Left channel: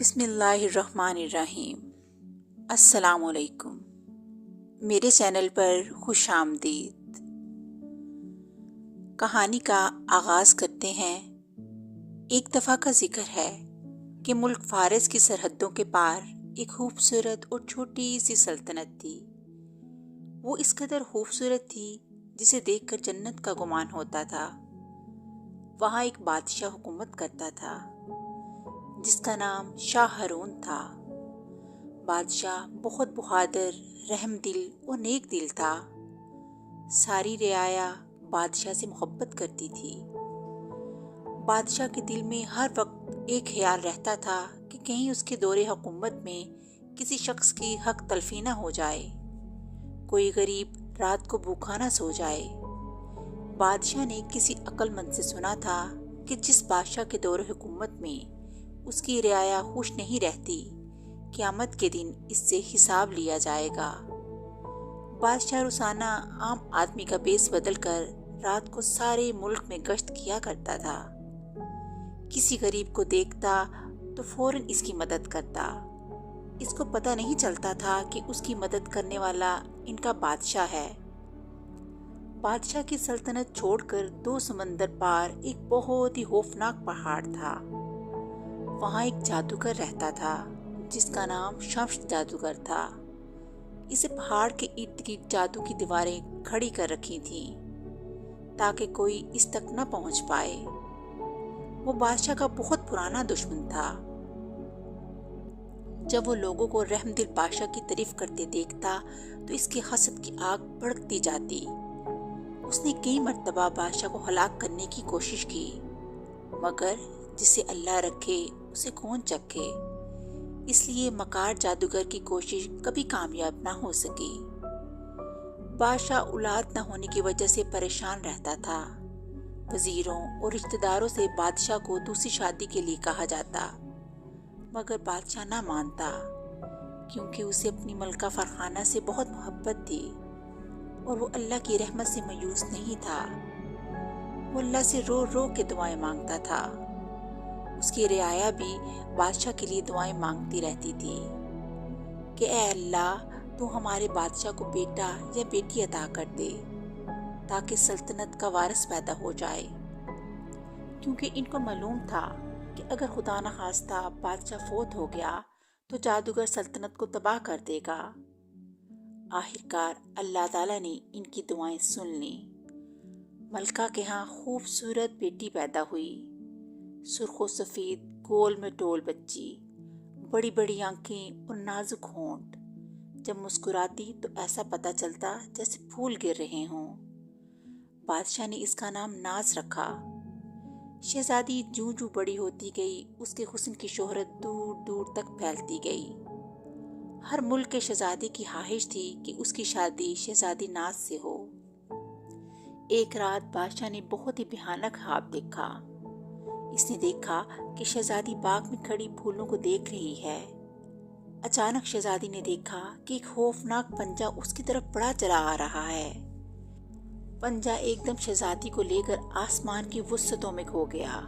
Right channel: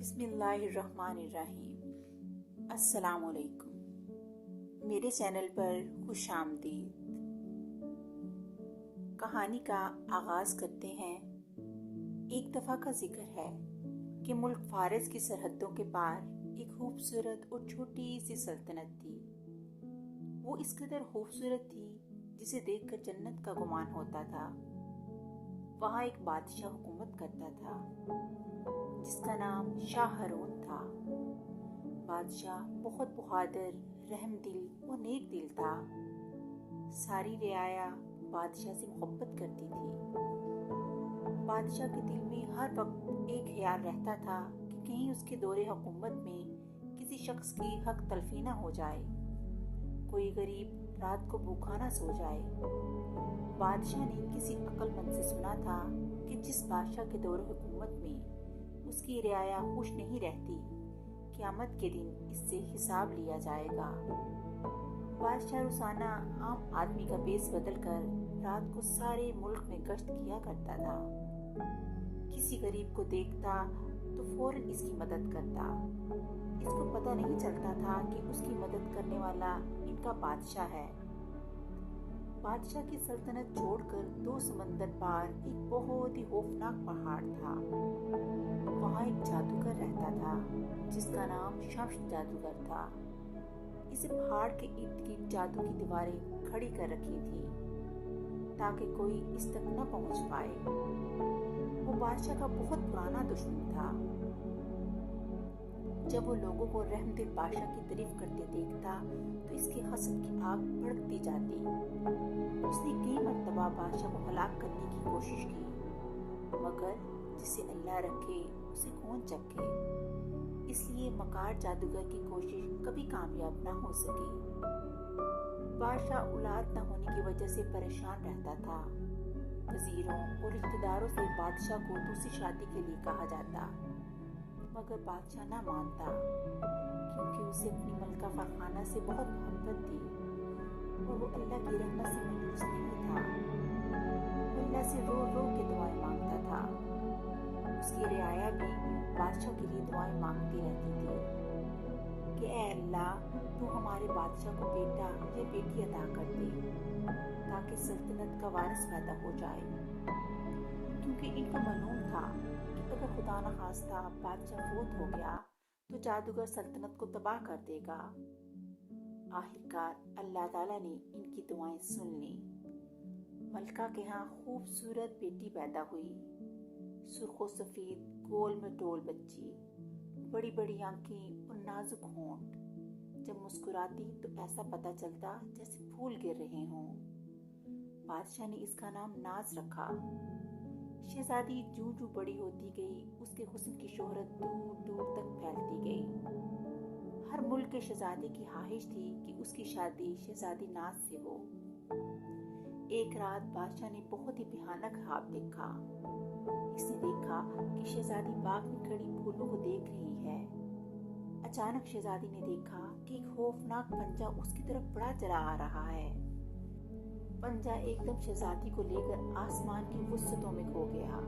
بسم اللہ الرحمن الرحیم۔ السلام علیکم، میرے چینل پر خوش آمدید۔ کہانی کا آغاز کرتے ہیں۔ ایک دفعہ کا ذکر ہے کہ ملک فارس کی سرحدوں کے پار ایک خوبصورت اور چھوٹی سی سلطنت تھی۔ وہ اس قدر خوبصورت تھی جسے دیکھ کر جنت کا گمان ہوتا تھا۔ وہاں ایک بادشاہ حکومت کرتا تھا جس کا نام شاہ ہارون تھا۔ بادشاہ بہت بہادر، رحم دل اور نیک دل تھا۔ ساری رعایا بادشاہ سے محبت کرتی تھی۔ بادشاہ کے دل میں ہر وقت ایک خیال رہتا تھا کہ کہیں اس کے دور حکومت میں کسی شخص کی حق تلفی نہ ہو جائے، کوئی غریب رات کو بھوکا نہ سو جائے۔ بادشاہ نے کسی عقل مند سے سنا تھا کہ جس بادشاہ کے دور حکومت میں اس کی رعایا خوش نہیں رہتی، قیامت کے دن اس سے حساب لیا جائے گا۔ بادشاہ روزانہ عام آدمی کا بیس بدل کر رات کو سارے ملک میں گشت کیا کرتا تھا۔ کسی غریب کو دیکھتا تو فوراً اس کی مدد کرتا۔ اس کو پتہ نہیں چلتا تھا کہ اس کی مدد کرنے والا ان کا بادشاہ ہے۔ بادشاہ کی سلطنت چھوڑ کر 2 سمندر پار ایک بہت ہی خوفناک پہاڑ تھا۔ وہاں ایک جادوگر رہتا تھا جس کا نام شمس جادوگر تھا۔ اسے پہاڑ کے ارد گرد جادو کی دیواریں کھڑی کر رکھی تھیں تاکہ کوئی اس تک نہ پہنچ پائے۔ وہ بادشاہ کا بہت پرانا دشمن تھا۔ جب وہ لوگوں کو رحم دل بادشاہ کی تعریف کرتے دیکھتا تو اس کے حسد کی آگ بھڑکتی جاتی۔ اس نے کئی مرتبہ بادشاہ کو ہلاک کرنے کی کوشش کی، مگر جسے اللہ رکھے اسے کون چکھے، اس لیے مکار جادوگر کی کوشش کبھی کامیاب نہ ہو سکی۔ بادشاہ اولاد نہ ہونے کی وجہ سے پریشان رہتا تھا۔ وزیروں اور رشتہ داروں سے بادشاہ کو دوسری شادی کے لیے کہا جاتا، مگر بادشاہ نہ مانتا کیونکہ اسے اپنی ملکہ فرخانہ سے بہت محبت تھی اور وہ اللہ کی رحمت سے مایوس نہیں تھا۔ وہ اللہ سے رو رو کے دعائیں مانگتا تھا۔ اس کی رعایا بھی بادشاہ کے لیے دعائیں مانگتی رہتی تھی کہ اے اللہ، تو ہمارے بادشاہ کو بیٹا یا بیٹی عطا کر دے تاکہ سلطنت کا وارث پیدا ہو جائے، کیونکہ ان کو معلوم تھا کہ اگر خدا نخواستہ بادشاہ فوت ہو گیا تو جادوگر سلطنت کو تباہ کر دے گا۔ آخرکار اللہ تعالیٰ نے ان کی دعائیں سن لیں۔ ملکہ کے ہاں خوبصورت بیٹی پیدا ہوئی، سرخ و سفید گول میں ٹول بچی، بڑی بڑی آنکھیں اور نازک ہونٹ۔ جب مسکراتی تو ایسا پتہ چلتا جیسے پھول گر رہے ہوں۔ بادشاہ نے اس کا نام ناز رکھا۔ شہزادی جوں جوں بڑی ہوتی گئی اس کے حسن کی شہرت دور دور تک پھیلتی گئی۔ ہر ملک کے شہزادے کی خواہش تھی کہ اس کی شادی شہزادی ناز سے ہو۔ ایک رات بادشاہ نے بہت ہی بھیانک خواب دیکھا۔ اس نے دیکھا کہ شہزادی باغ میں کھڑی پھولوں کو دیکھ رہی ہے۔ اچانک شہزادی نے دیکھا کہ ایک خوفناک پنجہ اس کی طرف بڑھا چلا آ رہا ہے۔ پنجہ ایک دم شہزادی کو لے کر آسمان کی وسعتوں میں کھو گیا۔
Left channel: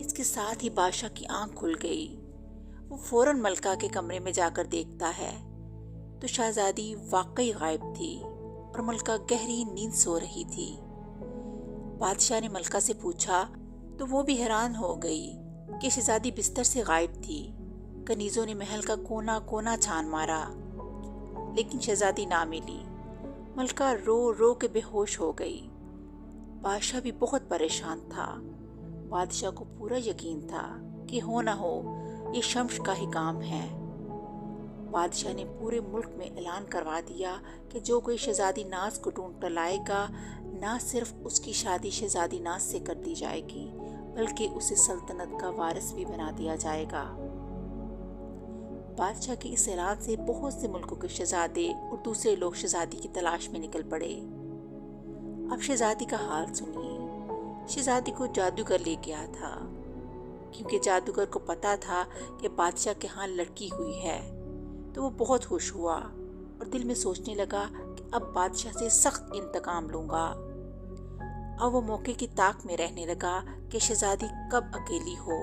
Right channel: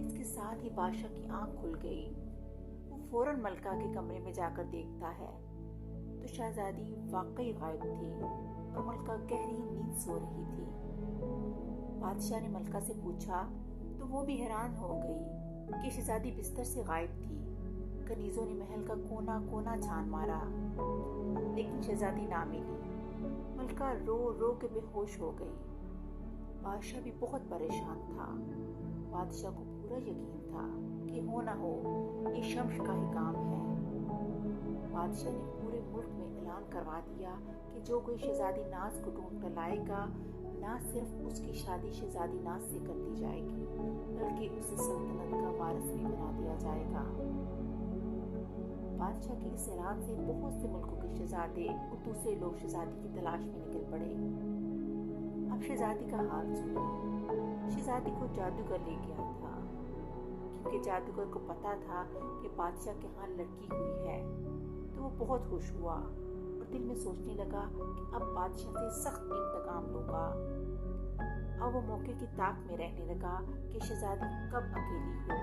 اس کے ساتھ ہی بادشاہ کی آنکھ کھل گئی۔ وہ فوراً ملکہ کے کمرے میں جا کر دیکھتا ہے تو شہزادی واقعی غائب تھی اور ملکہ گہری نیند سو رہی تھی۔ بادشاہ نے ملکہ سے پوچھا تو وہ بھی حیران ہو گئی کہ شہزادی بستر سے غائب تھی۔ کنیزوں نے محل کا کونا کونا چھان مارا لیکن شہزادی نہ ملی۔ ملکہ رو رو کے بے ہوش ہو گئی۔ بادشاہ بھی بہت پریشان تھا۔ بادشاہ کو پورا یقین تھا کہ ہو نہ ہو یہ شمس کا ہی کام ہے۔ بادشاہ نے پورے ملک میں اعلان کروا دیا کہ جو کوئی شہزادی ناز کو ڈھونڈ کر لائے گا، نہ صرف اس کی شادی شہزادی ناز سے کر دی جائے گی بلکہ اسے سلطنت کا وارث بھی بنا دیا جائے گا۔ بادشاہ کے اس اعلان سے بہت سے ملکوں کے شہزادے اور دوسرے لوگ شہزادی کی تلاش میں نکل پڑے۔ اب شہزادی کا حال سنیے۔ شہزادی کو جادوگر لے گیا تھا، کیونکہ جادوگر کو پتا تھا کہ بادشاہ کے ہاں لڑکی ہوئی ہے تو وہ بہت خوش ہوا اور دل میں سوچنے لگا کہ اب بادشاہ سے سخت انتقام لوں گا۔ اب وہ موقع کی طاق میں رہنے لگا کہ شہزادی کب اکیلی ہو